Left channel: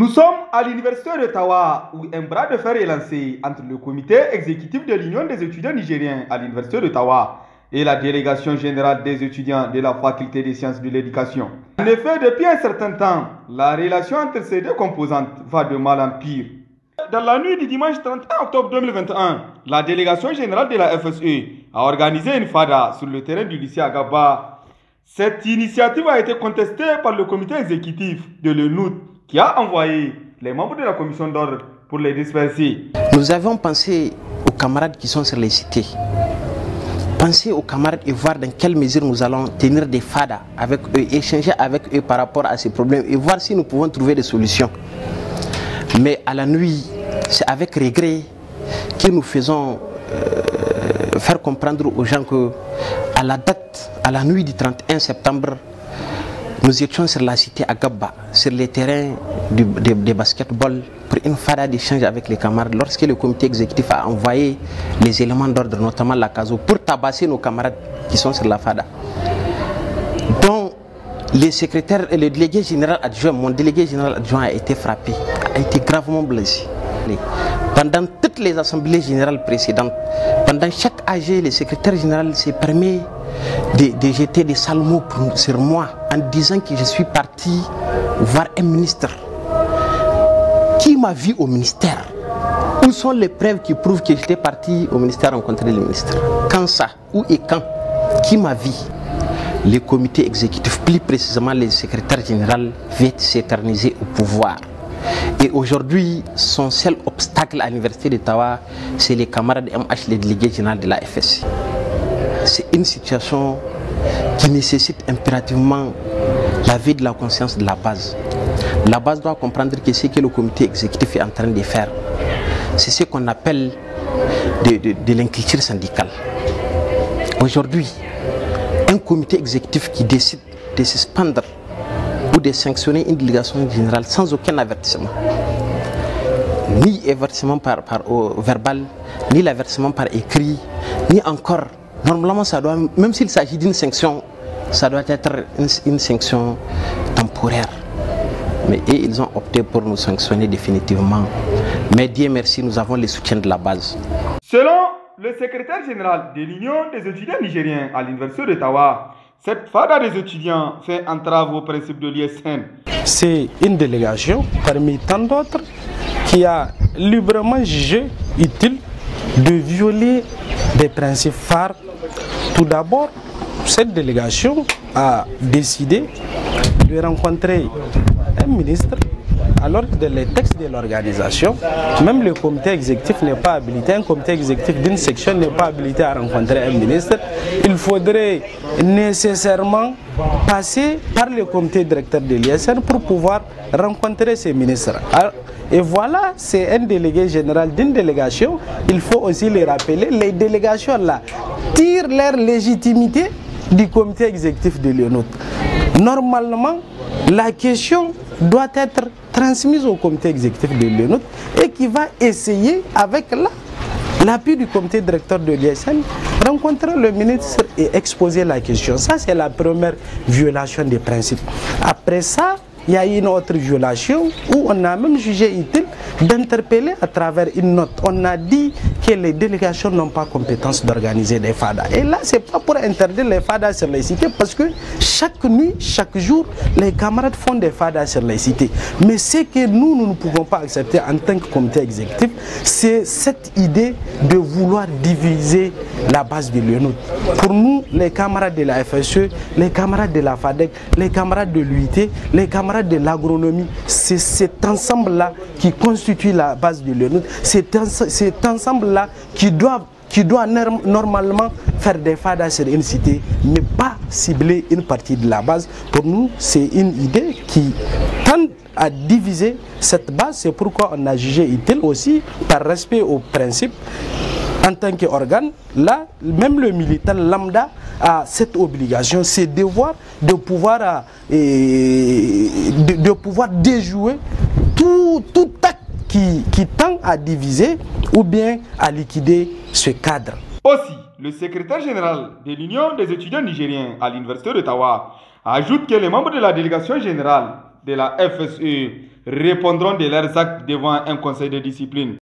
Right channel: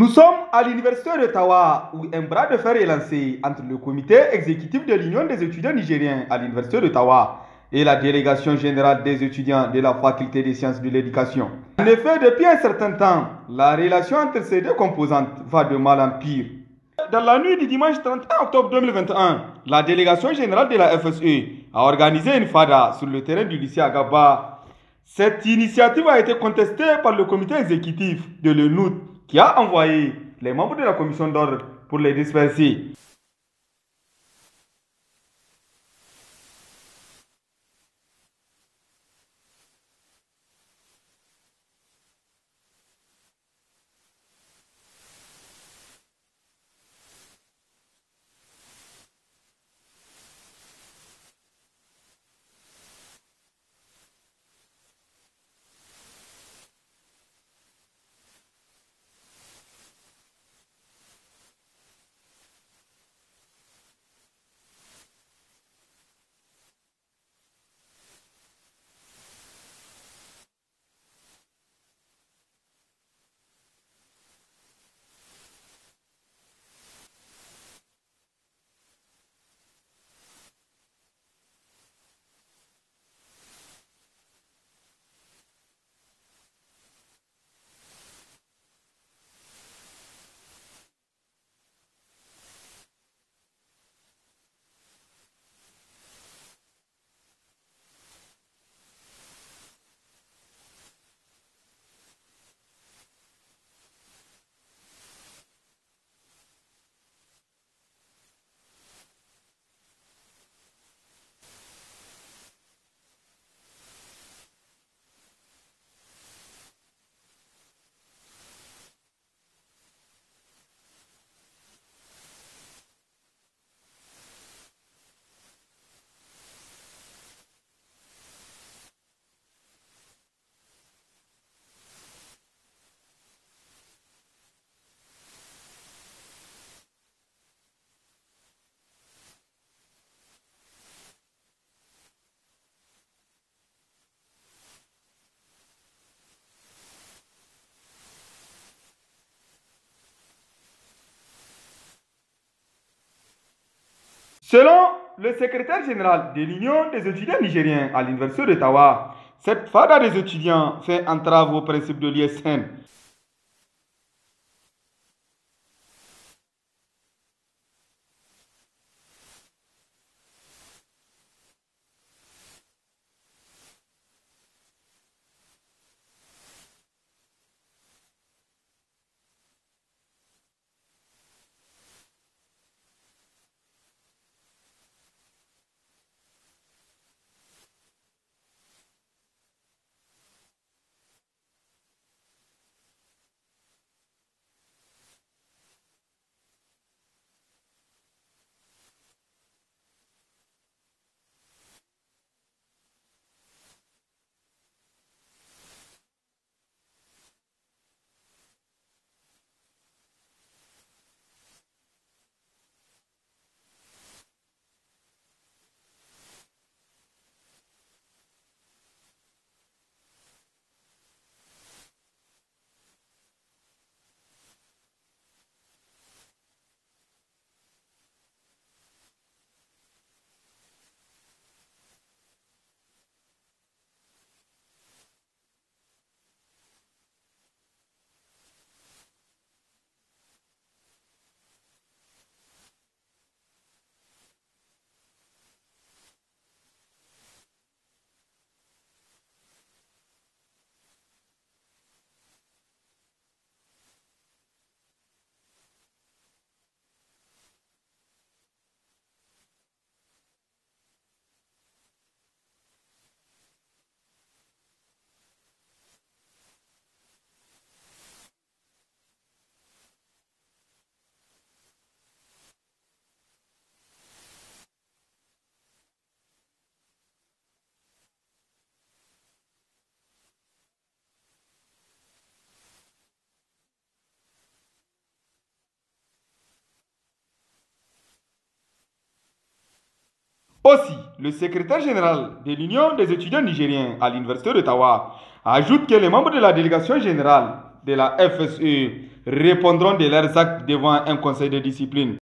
Nous sommes à l'université d'Ottawa où un bras de fer est lancé entre le comité exécutif de l'Union des étudiants nigériens à l'université d'Ottawa et la délégation générale des étudiants de la faculté des sciences de l'éducation. En effet, depuis un certain temps, la relation entre ces deux composantes va de mal en pire. Dans la nuit du dimanche 31 octobre 2021, la délégation générale de la FSE a organisé une FADA sur le terrain du lycée Agaba. Cette initiative a été contestée par le comité exécutif de l'UNUT qui a envoyé les membres de la commission d'ordre pour les disperser. Nous avons pensé aux camarades qui sont sur les cités. Penser aux camarades et voir dans quelle mesure nous allons tenir des FADA avec eux, échanger avec eux par rapport à ces problèmes et voir si nous pouvons trouver des solutions. Mais à la nuit, c'est avec regret que nous faisons faire comprendre aux gens que à la date, à la nuit du 31 septembre, nous étions sur la cité à Gabba, sur les terrains de basketball pour une fada d'échange avec les camarades lorsque le comité exécutif a envoyé les éléments d'ordre, notamment la CASO, pour tabasser nos camarades qui sont sur la fada. Donc, les secrétaires et le délégué général adjoint, mon délégué général adjoint a été frappé, a été gravement blessé. Pendant toutes les assemblées générales précédentes, pendant chaque AG, le secrétaire général se permet de jeter des sales mots sur moi en disant que je suis parti voir un ministre. Qui m'a vu au ministère? Où sont les preuves qui prouvent que j'étais parti au ministère rencontrer le ministre? Quand ça? Où et quand? Qui m'a vu? Le comité exécutif, plus précisément le secrétaire général, veut s'éterniser au pouvoir. Et aujourd'hui, son seul obstacle à l'université d'Ottawa, c'est les camarades MH, les délégués généraux de la FSC. C'est une situation qui nécessite impérativement la vie de la conscience de la base. La base doit comprendre que ce que le comité exécutif est en train de faire, c'est ce qu'on appelle de l'inculture syndicale. Aujourd'hui, un comité exécutif qui décide de suspendre ou de sanctionner une délégation générale sans aucun avertissement, ni avertissement par verbal, ni l'avertissement par écrit, ni encore, normalement ça doit, même s'il s'agit d'une sanction, ça doit être une sanction temporaire. Mais ils ont opté pour nous sanctionner définitivement. Mais Dieu merci, nous avons le soutien de la base. Selon le secrétaire général de l'Union des étudiants nigériens à l'université d'Ottawa, cette FADA des étudiants fait entrave au principe de l'ISN. C'est une délégation parmi tant d'autres qui a librement jugé utile de violer des principes phares. Tout d'abord, cette délégation a décidé de rencontrer un ministre, alors que dans les textes de l'organisation, même le comité exécutif n'est pas habilité, un comité exécutif d'une section n'est pas habilité à rencontrer un ministre. Il faudrait nécessairement passer par le comité directeur de l'ISN pour pouvoir rencontrer ces ministres. Et voilà, c'est un délégué général d'une délégation. Il faut aussi les rappeler, les délégations là tirent leur légitimité du comité exécutif de l'UNUT. Normalement, la question doit être transmise au comité exécutif de l'UNUT et qui va essayer, avec l'appui du comité directeur de l'ISN, rencontrer le ministre et exposer la question. Ça, c'est la première violation des principes. Après ça, il y a une autre violation où on a même jugé utile d'interpeller à travers une note. On a dit que les délégations n'ont pas compétence d'organiser des FADA. Et là, ce n'est pas pour interdire les FADA sur les cités, parce que chaque nuit, chaque jour, les camarades font des FADA sur les cités. Mais ce que nous ne pouvons pas accepter en tant que comité exécutif, c'est cette idée de vouloir diviser la base de l'UNUT. Pour nous, les camarades de la FSE, les camarades de la FADEC, les camarades de l'UIT, les camarades de l'agronomie, c'est cet ensemble-là qui constitue la base de l'UNUT, cet ensemble-là qui doit normalement faire des FADA sur une cité, mais pas cibler une partie de la base. Pour nous, c'est une idée qui tend à diviser cette base. C'est pourquoi on a jugé utile aussi, par respect aux principes, en tant qu'organe, là, même le militant lambda a cette obligation, c'est devoir de pouvoir, déjouer tout acte qui tend à diviser ou bien à liquider ce cadre. Aussi, le secrétaire général de l'Union des étudiants nigériens à l'université d'Ottawa ajoute que les membres de la délégation générale de la FSE répondront de leurs actes devant un conseil de discipline.